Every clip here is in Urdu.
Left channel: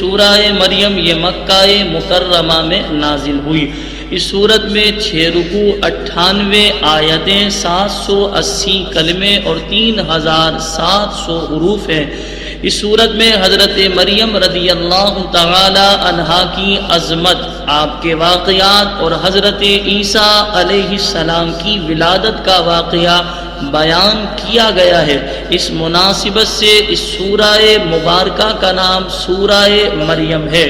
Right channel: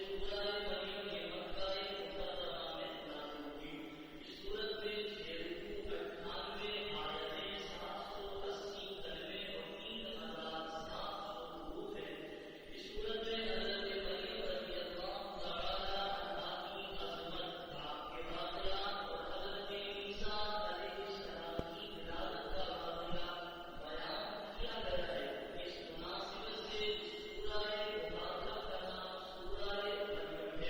سورہ مریم یہ مکہ مکرمہ میں نازل ہوئی۔ اس سورت میں 6 رکوع، 98 آیتیں، 780 کلمے اور 3700 حروف ہیں۔ اس صورت میں حضرت مریم رضی اللہ تعالی عنہا کی عظمت، آپ کے واقعات اور حضرت عیسیٰ علیہ السلام کی ولادت کا واقعہ بیان کیا گیا ہے۔ اس مناسبت سے اس سورہ مبارکہ کا نام سورہ مریم ہے۔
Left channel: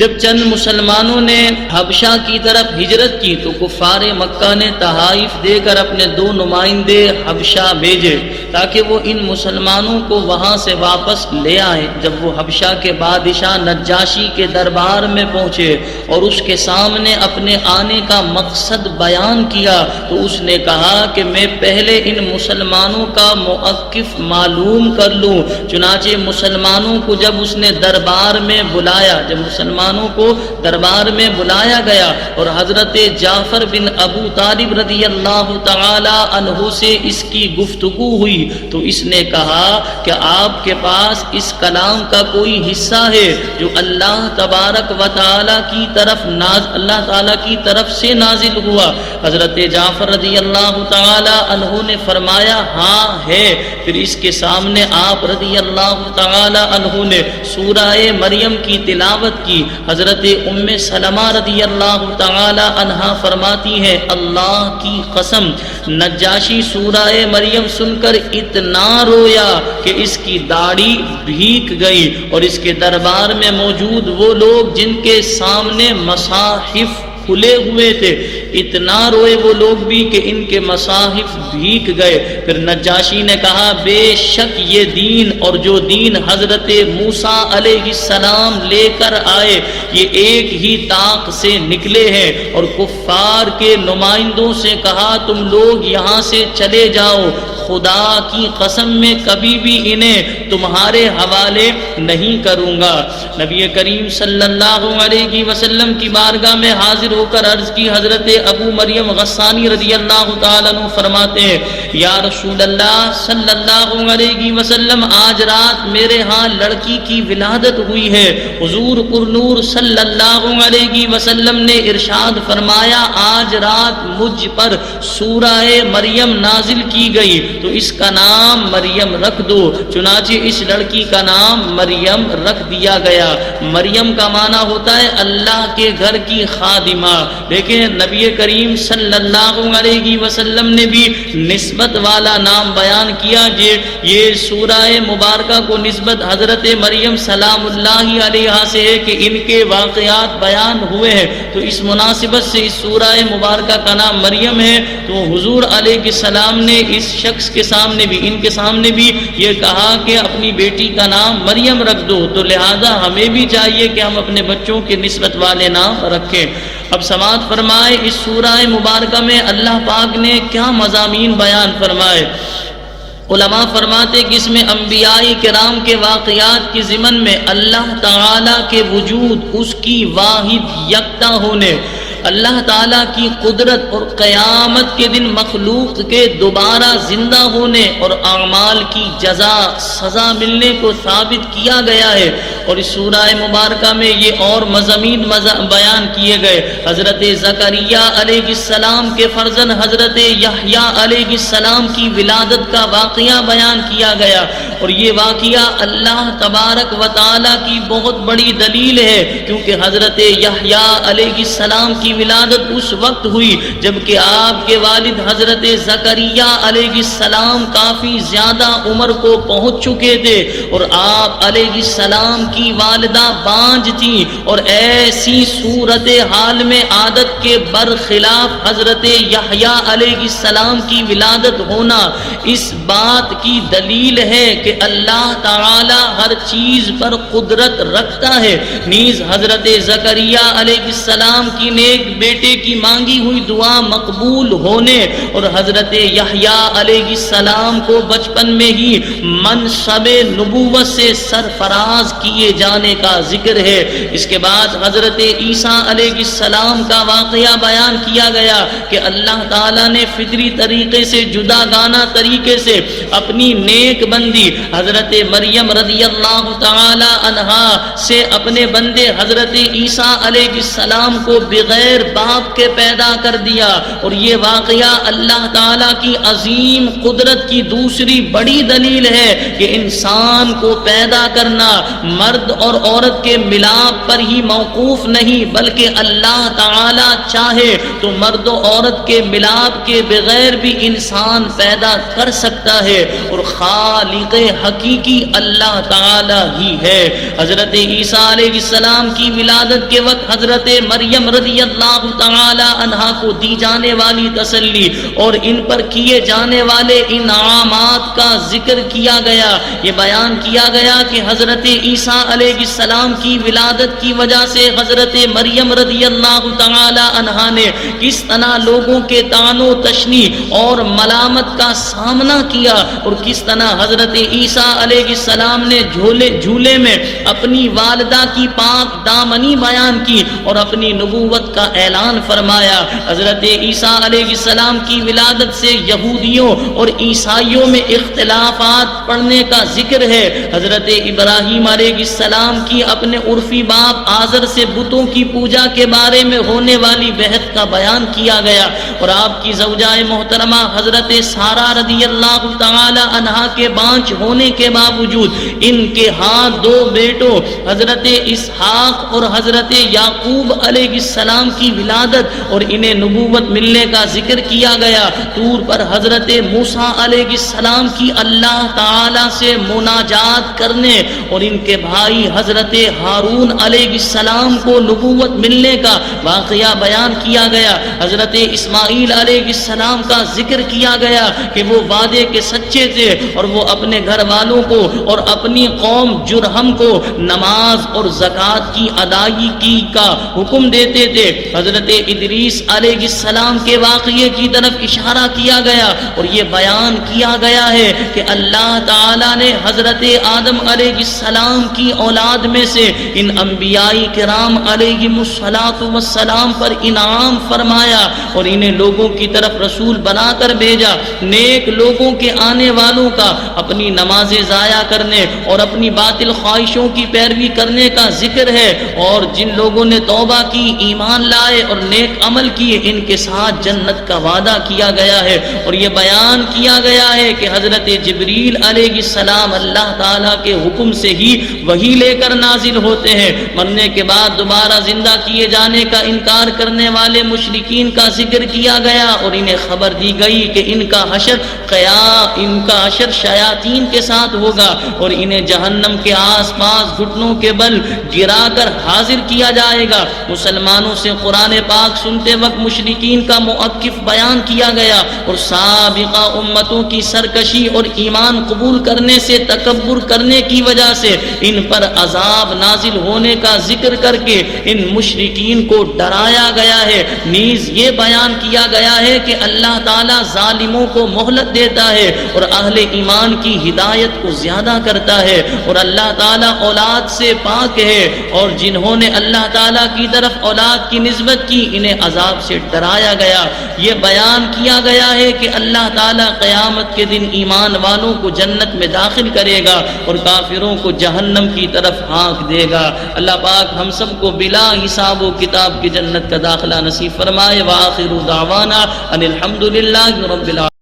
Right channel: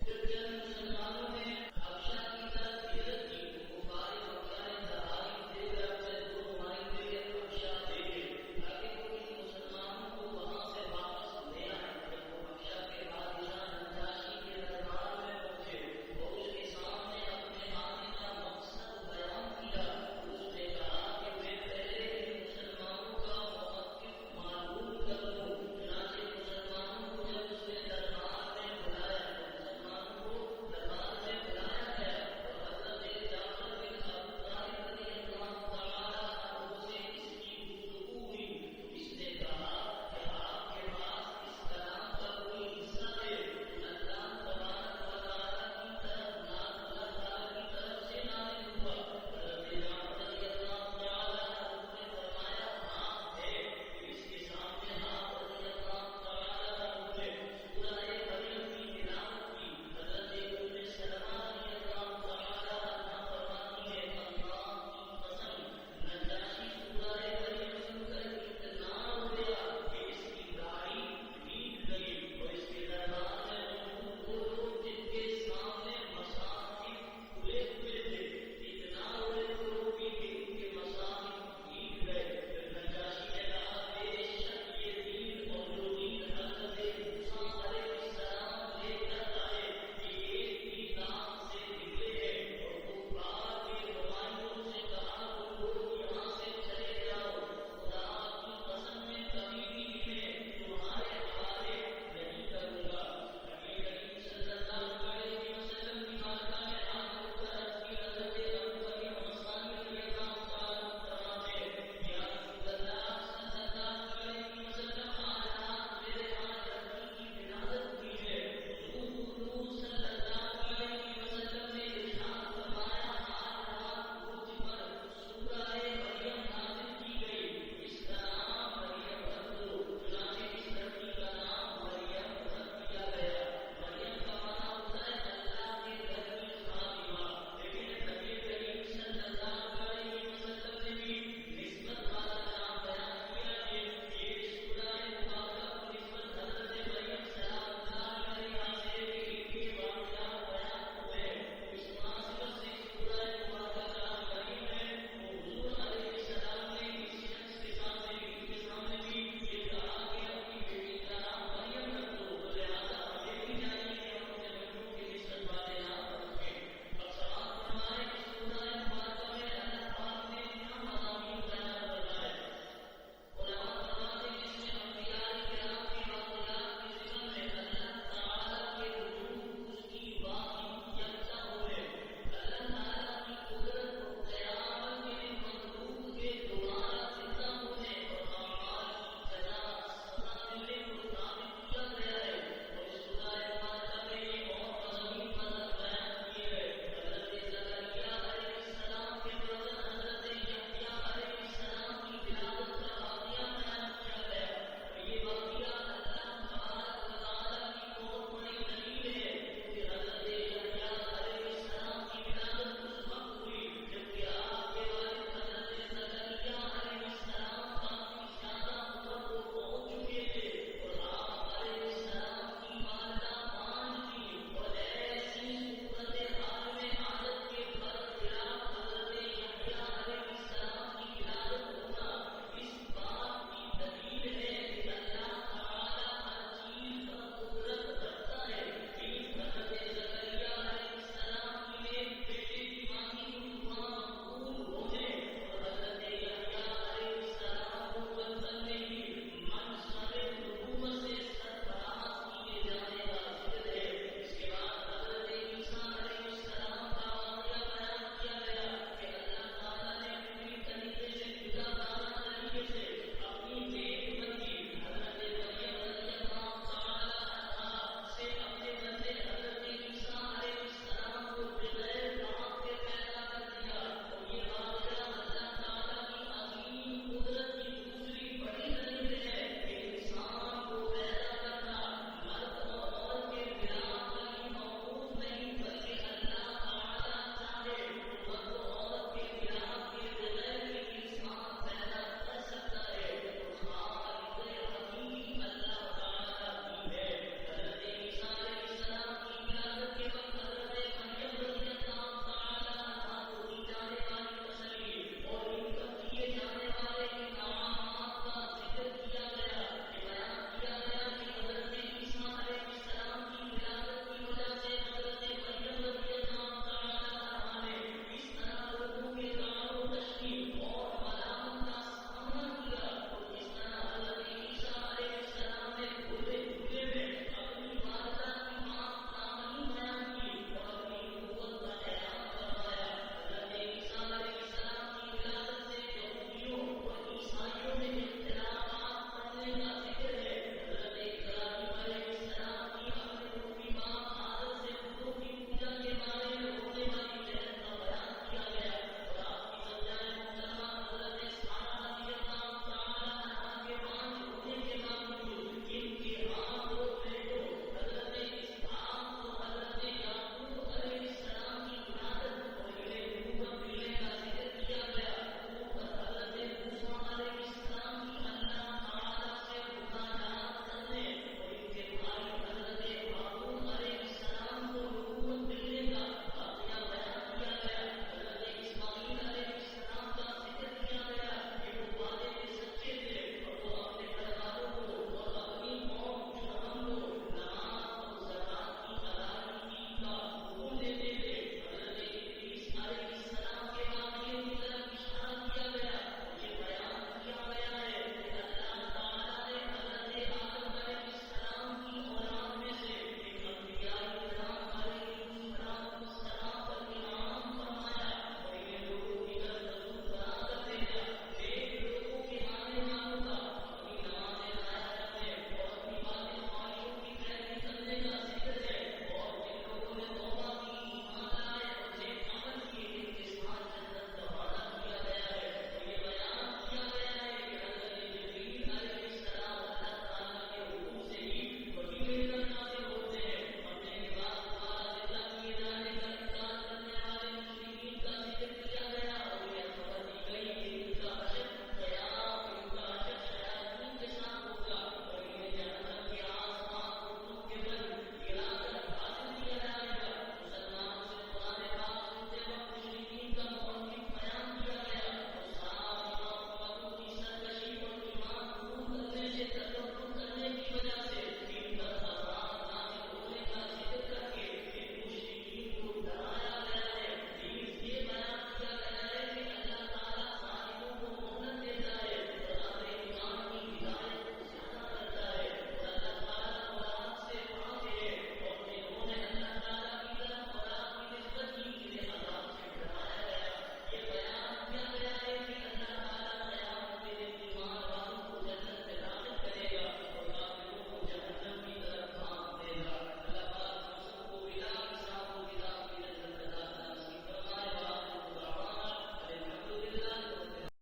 جب چند مسلمانوں نے حبشہ کی طرف ہجرت کی تو کفار مکہ نے تحائف دے کر اپنے 2 نمائندے حبشہ بھیجے تاکہ وہ ان مسلمانوں کو وہاں سے واپس لے آئیں۔ جب وہ حبشہ کے بادشاہ نجاشی کے دربار میں پہنچے اور اس کے سامنے اپنے آنے کا مقصد بیان کیا تو اس نے کہا کہ میں پہلے ان مسلمانوں کا موقف معلوم کر لوں۔ چنانچہ مسلمانوں کو جب اس نے دربار میں بلایا، جب مسلمانوں کو دربار میں بلایا گیا اور حضرت جعفر بن ابو طالب رضی اللہ تعالی عنہ سے اس کی گفتگو ہوئی تو اس نے کہا کہ آپ کے پاس اس کلام کا کوئی حصہ ہے جو اللہ تبارک و تعالی کی طرف سے نازل ہوا؟ حضرت جعفر رضی اللہ تعالی عنہ نے فرمایا ہاں ہے۔ پھر اس کے سامنے آپ رضی اللہ تعالی عنہ نے سورہ مریم کی تلاوت کی۔ حضرت ام سلمہ رضی اللہ تعالی عنہا فرماتی ہے اللہ کی قسم نجاشی سورہ مریم سن کر اتنا رویا کہ اس کی داڑھی بھیگ گئی، اور اس کے دربار میں موجود وہ لوگ جن کے سامنے مصاحف کھلے ہوئے تھے اتنا روئے وہ لوگ بھی کہ ان کے مصاحف بھیگ گئے۔ پھر نجاشی نے کہا بے شک یہ دین اور جو دین حضرت موسیٰ علیہ السلام لے کر آئے یہ ایک ہی طاق سے نکلے ہیں، اور کفار کے نمائندوں سے کہا تم لوگ یہاں سے چلے جاؤ، خدا کی قسم میں کبھی بھی انہیں تمہارے حوالے نہیں کروں گا۔ نبی کریم صلی اللہ علیہ وسلم کی بارگاہ میں حاضر ہو کر عرض کی۔ حضرت ابو مریم غسانی رضی اللہ تعالیٰ عنہ فرماتے ہیں یا رسول اللہ صلی اللہ علیہ وسلم آج رات میرے ہاں لڑکی کی ولادت ہوئی ہے۔ حضور پرنور صلی اللہ علیہ وسلم نے ارشاد فرمایا آج رات مجھ پر سورہ مریم نازل کی گئی تو اس کا نام مریم رکھ دو۔ چنانچہ اس لڑکی کا نام مریم رکھ دیا گیا۔ مریم کا معنی ہوتا ہے اللہ کے گھر کی خادمہ، لیکن نبی کریم صلی اللہ علیہ وسلم نے بھی نسبت والا نام بیان کیا۔ یہ سورہ مبارکہ کو نسبت حضرت مریم سلام اللہ علیہا سے ہے کہ ان کے واقعات بیان ہوئے ہیں، تو اس مناسبت سے اس سورہ مبارکہ کا نام مریم ہے۔ تو حضور علیہ السلام نے اس شخص کے سامنے بھی، ان کے سامنے بھی یہ کہا کہ اپنی بیٹی کا نام مریم رکھ دو، تو لہذا ہمیں بھی چاہیے کہ ہم اپنے بچوں کے نسبت والے نام رکھیں۔ اب سماعت فرمائے اس سورہ مبارکہ میں اللہ پاک نے کیا مضامین بیان فرمائے۔ علماء فرماتے کہ اس میں انبیاء کرام کے واقعات کی ضمن میں اللہ تعالیٰ کے وجود، اس کی واحد یکتا ہونے، اللہ تعالیٰ کی قدرت اور قیامت کے دن مخلوق کے دوبارہ زندہ ہونے اور اعمال کی جزا سزا ملنے کو ثابت کیا گیا ہے۔ اور اس سورہ مبارکہ میں یہ اور مضامین بیان کیے گئے۔ حضرت زکریا علیہ السلام کے فرزند حضرت یحییٰ علیہ السلام کی ولادت کا واقعہ بیان کیا گیا، اور یہ واقعہ اللہ تبارک و تعالیٰ کی بہت بڑی دلیل ہے، کیونکہ حضرت یحییٰ علیہ السلام کی ولادت اس وقت ہوئی جبکہ آپ کے والد حضرت زکریا علیہ السلام کافی زیادہ عمر کو پہنچ چکے تھے، اور آپ علیہ السلام کی والدہ بانجھ تھیں، اور ایسی صورتحال میں عادت کے برخلاف حضرت یحییٰ علیہ السلام کی ولادت ہونا اس بات کی دلیل ہے کہ اللہ تعالی ہر چیز پر قدرت رکھتا ہے۔ نیز حضرت زکریا علیہ السلام کی نیک بیٹے کی مانگی ہوئی دعا مقبول ہونے اور حضرت یحییٰ علیہ السلام کو بچپن میں ہی منصب نبوت سے سرفراز کیے جانے کا ذکر ہے۔ اس کے بعد حضرت عیسیٰ علیہ السلام کا واقعہ بیان کیا گیا کہ اللہ تعالیٰ نے فطری طریقے سے جدا گانا طریقے سے اپنی نیک بندی حضرت مریم رضی اللہ تعالی عنہا سے اپنے بندے حضرت عیسیٰ علیہ السلام کو بغیر باپ کے پیدا کر دیا، اور یہ واقعہ اللہ تعالیٰ کی عظیم قدرت کی دوسری بڑی دلیل ہے کہ انسان کو پیدا کرنا مرد اور عورت کے ملاپ پر ہی موقوف نہیں، بلکہ اللہ تعالیٰ چاہے تو مرد و عورت کے ملاپ کے بغیر بھی انسان پیدا کر سکتا ہے، اور خالق حقیقی اللہ تعالیٰ ہی ہے۔ حضرت عیسیٰ علیہ السلام کی ولادت کے وقت حضرت مریم رضی اللہ تعالی عنہا کو دی جانے والی تسلی اور ان پر کیے جانے والے انعامات کا ذکر کیا گیا۔ یہ بیان کیا گیا کہ حضرت عیسیٰ علیہ السلام کی ولادت کی وجہ سے حضرت مریم رضی اللہ تعالی عنہا نے کس طرح لوگوں کے طعن و تشنی اور ملامت کا سامنا کیا، اور کس طرح حضرت عیسیٰ علیہ السلام نے جھولے میں اپنی والدہ کی پاک دامنی بیان کی اور اپنی نبوت کا اعلان فرمایا۔ حضرت عیسیٰ علیہ السلام کی ولادت سے یہودیوں اور عیسائیوں میں اختلافات پڑنے کا ذکر ہے۔ حضرت ابراہیم علیہ السلام کی اپنے عرفی باپ آزر سے بتوں کی پوجا کے بارے میں ہونے والی بحث کا بیان کیا گیا، اور آپ کی زوجہ محترمہ حضرت سارہ رضی اللہ تعالی عنہا کے بانجھ ہونے کے باوجود ان کے ہاں دو بیٹوں حضرت اسحاق اور حضرت یعقوب علیہ السلام کی ولادت اور انہیں نبوت ملنے کا ذکر کیا گیا۔ طور پر حضرت موسیٰ علیہ السلام کی اللہ تعالی سے مناجات کرنے اور ان کے بھائی حضرت ہارون علیہ السلام کو نبوت ملنے کا واقعہ بیان کیا گیا۔ حضرت اسماعیل علیہ السلام کا ذکر کیا گیا کہ وہ وعدے کے سچے تھے اور وہ اپنے گھر والوں کو اور اپنی قوم جرہم کو نماز اور زکوٰۃ کی ادائیگی کا حکم دیتے تھے۔ حضرت ادریس علیہ السلام کے واقعے کی طرف اشارہ کیا گیا اور یہ بیان کیا گیا ہے کہ اللہ تعالیٰ نے حضرت آدم علیہ السلام کی اولاد میں سے ان انبیاء کرام علیہم السلام پر انعام فرمایا اور انہیں لوگوں کی طرف رسول بنا کر بھیجا۔ نیک لوگوں کے آنے والوں کا اپنی نمازیں ضائع کرنے اور اپنی باطل خواہشوں کی پیروی کرنے کا ذکر ہے، اور جن لوگوں نے توبہ کی، ایمان لائے اور نیک عمل کیے، ان کے ساتھ جنت کا وعدہ کیا گیا ہے۔ اور یہ بیان کیا گیا ہے کہ حضرت جبریل علیہ السلام اللہ تعالیٰ کے حکم سے ہی وحی لے کر نازل ہوتے ہیں۔ مرنے کے بعد دوبارہ زندہ کیے جانے کا انکار کرنے والے مشرکین کا ذکر کیا گیا اور انہیں خبر دی گئی کہ ان کا حشر شیاطین کے ساتھ ہوگا اور انہیں جہنم کے آس پاس گھٹنوں کے بل گرا کر حاضر کیا جائے گا۔ مسلمانوں سے قرآن پاک سنتے وقت مشرکین کا موقف بیان کیا گیا اور سابقہ امتوں کی سرکشی اور ایمان قبول کرنے سے تکبر کرنے کی وجہ سے ان پر عذاب نازل ہونے کا ذکر کر کے ان مشرکین کو ڈرایا گیا ہے۔ نیز یہ بیان کیا گیا ہے کہ اللہ تعالیٰ ظالموں کو مہلت دیتا ہے اور اہل ایمان کی ہدایت کو زیادہ کرتا ہے، اور اللہ تعالیٰ اولاد سے پاک ہے، اور جنہوں نے اللہ تعالیٰ کی طرف اولاد کی نسبت کی انہیں عذاب سے ڈرایا گیا۔ یہ بیان کیا گیا ہے کہ اللہ تعالیٰ قیامت کے دن ایمان والوں کو جنت میں داخل کرے گا اور کافروں کو جہنم کی طرف ہانک دے گا۔ اللہ پاک ہم سب کو بلا حساب و کتاب کی جنت کا داخلہ نصیب فرمائے۔ وآخر دعوانا ان الحمد للہ رب العالمین۔